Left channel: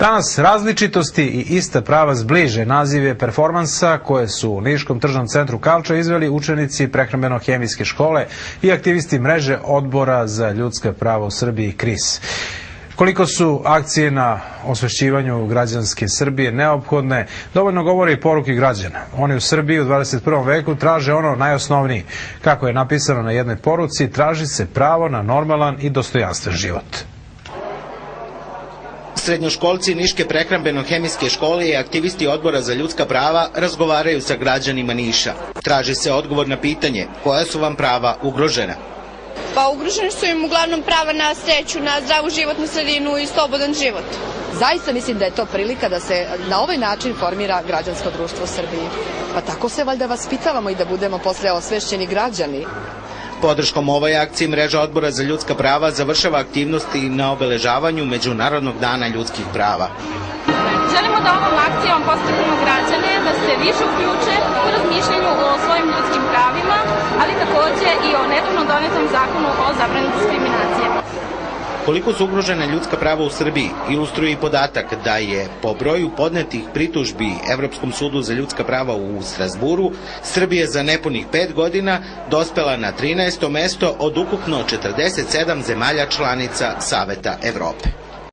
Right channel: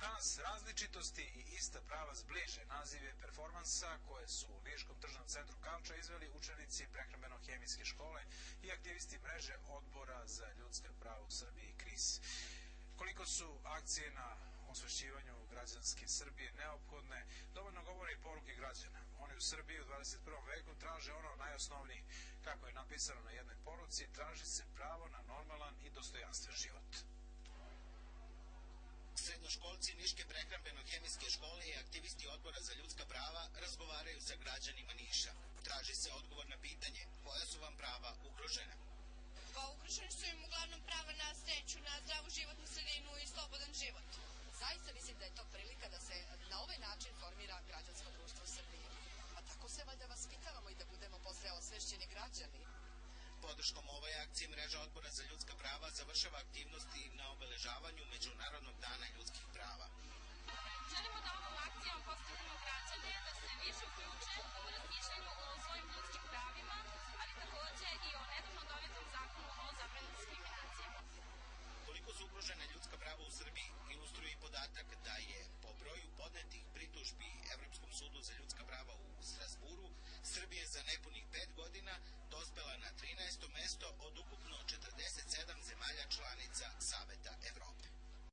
Danas različitosti i ista prava zbliže naziv je performansa koje su u Niškom tržnom centru Kalča izveli učenici prehrambeno-hemijske škole i aktivisti mreže Odbora za ljudska prava u Srbiji KRIS. Koliko su akcije na osvešćivanju građanske Srbije neophodne, dovoljno govore i poruke građana. Oni u Srbiji u 21. veku traže ono najosnovnije. Kako je napisano na jednoj poruci, traži se pravo na normalan i dostojanstven život. Srednjoškolci Niške prehrambeno-hemijske škole i aktivisti Odbora za ljudska prava razgovaraju sa građanima Niša. Traži se odgovor na pitanje koja su vam prava ugrožena. Pa ugroženi su im uglavnom prava na sreću, na zdravu životnu sredinu i slobodan život. Zaista mislim da je to prilika da se na ovaj način formira građansko društvo u Srbiji. Pa tako se valjda vaspitavamo i da budemo posle osvešćeni građani. Podrškom ovoj akciji mreža Odbora za ljudska prava završava aktivnosti na obeležavanju Međunarodnog dana ljudskih prava. Želimo da ovom akcijom podstaknemo građane da se više uključe u razmišljanju o svojim ljudskim pravima, ali takođe i o nedavno donetom zakonu o zabrani diskriminacije. Koliko su ugrožena ljudska prava u Srbiji ilustruje i podatak da je po broju podnetih pritužbi Evropskom sudu za ljudska prava u Strazburu Srbija za nepunih 5 godina dospela na 13. mesto od ukupno 47 zemalja članica Saveta Evrope.